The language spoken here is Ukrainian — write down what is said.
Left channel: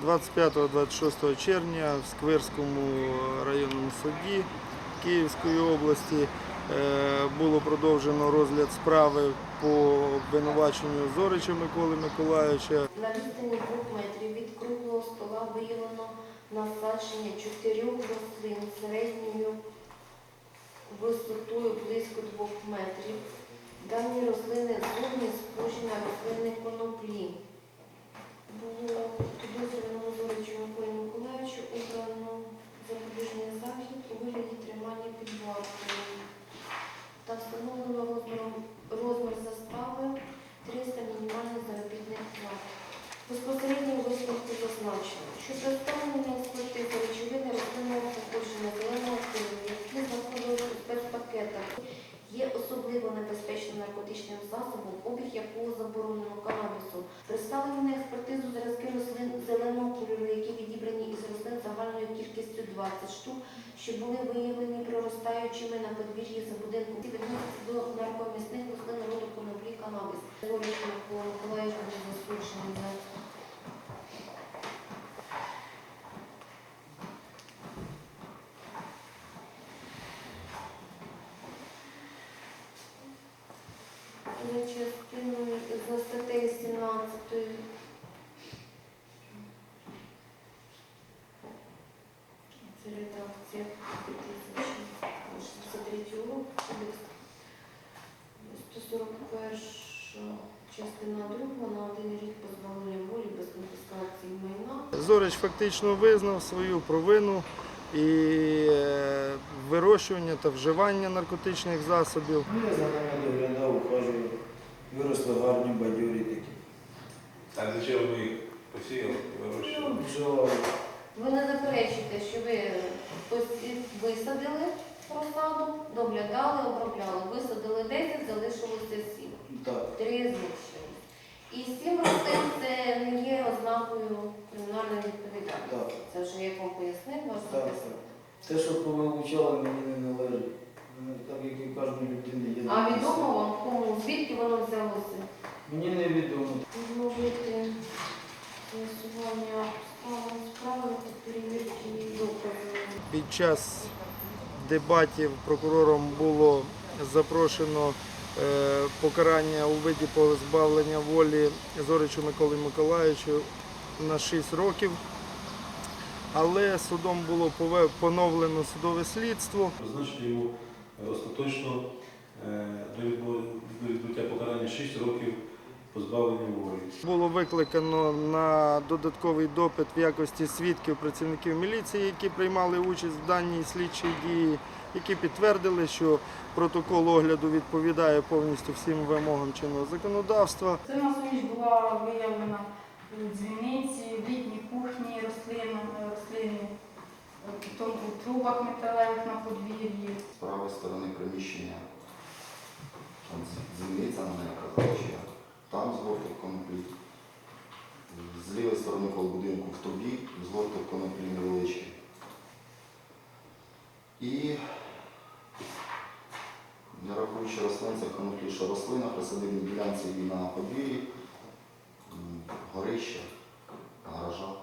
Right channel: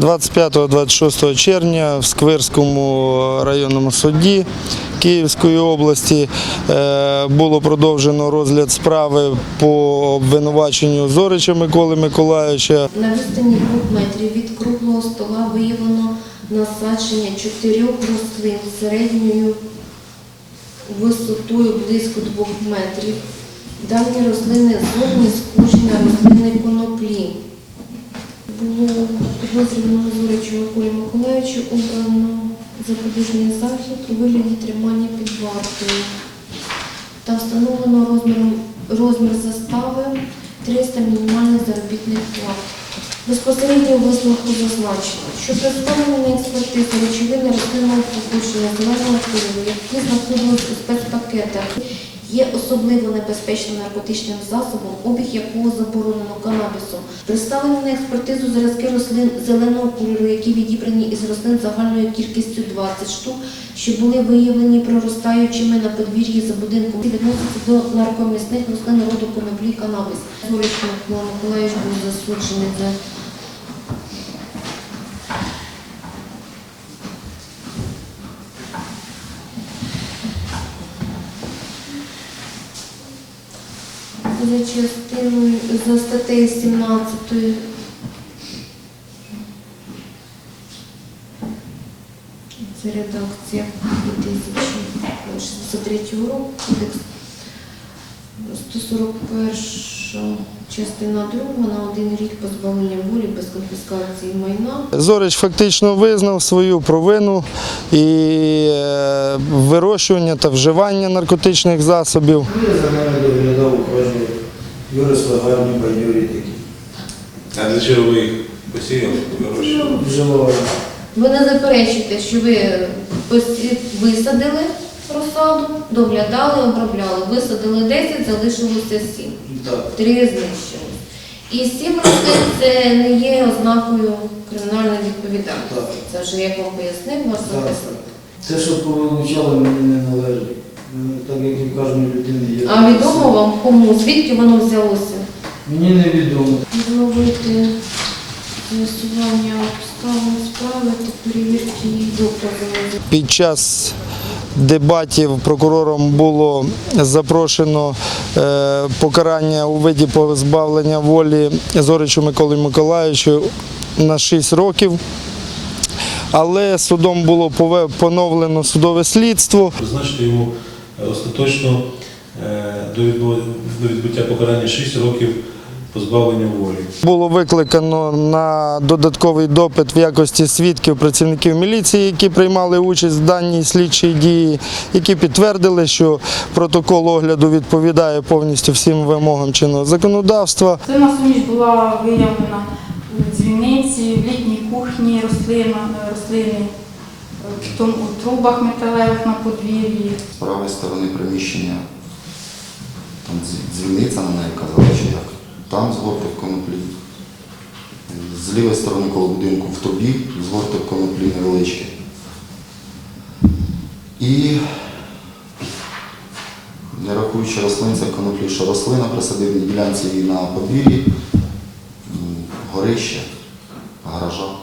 25-26 червня в Сквирському районному суді Київської області е, було продовжено розгляд справи по обвинуваченню Зорича Миколи Миколаївича. На відстані двох метрів від круглого стола виявлено насадження чотирьох рослин середньою висотою близько двох метрів. Дані рослини зовні схожі на рослини коноплі. Було підозрюваного Зоричу Миколі Миколаївичу обрано запобіжний захід у вигляді тримання під вартою та встановлено розміром, розмір застави 300 мінімальних заробітних плат. Безпосередньо висновку зазначено, що представлені на експертизу речовини рослинного походження зеленого кольору, які знаходились у спецпакетах, є особливо небезпечним наркотичним засобом, обіг якого заборонено канабісом. Представлені на експертизу зразки рослин зеленого кольору, які відібрані із рослин загальною кількістю 20 штук, що були виявлені проростаючими на подвір'ї за будинком, відносяться до наркомісних рослин роду коноплі канабіс. Микола Миколаївич був засуджений за за частиною за статтею 17 це редакція 2063 року, кодекс 141 частина 2 на один рік позбавлення волі без конфіскації майна. Зорич фактично визнав свою провину і е, вирощування та вживання наркотичних засобів. Виросли гарні бадьорі такі. А для чого ви їх посіяли? вирощували? Ну, Вживали. Ви не заперечуєте, що ви висадили розсаду, доглядали, обробляли. Висадили 10, залишилося 7. Так. Три знищили. І сім рослин це не є ознакою кримінальної відповідальності. Так. Це вже як вам пояснив Так. захисник. Те, що повилучали, мені не належить. Відомо вам кому? Звідки воно взялося? Мені невідомо. Відновити з'ясування обставин справи та перевірки її доказами. Під час дебатів прокурором було запрошено е, покарання у виді позбавлення волі Зоричу Миколі Миколаївичу на 6 років. Але судом було поновлено судове слідство. Призначити йому е, остаточно до відбу- до відбуття покарання 6 років позбавлення волі. Було викликано на додатковий допит в якості свідків працівників міліції, які приймали участь в даній слідчій дії, які підтвердили, що протокол огляду відповідає повністю всім вимогам чинного законодавства. Це на суміш була виявлена у дзвіниці, в літній кухні рослина, рослини, в у трубах металевих на подвір'ї. з правої сторони приміщення, дзвіниця на неї казали, чи як. Там згорток коноплі. З лівої сторони коло будинку в трубі згорток коноплі невеличкий. І не рахуючи рослин, це коноплі, що рослина при садибній ділянці і на подвір'ї, горище, гаража.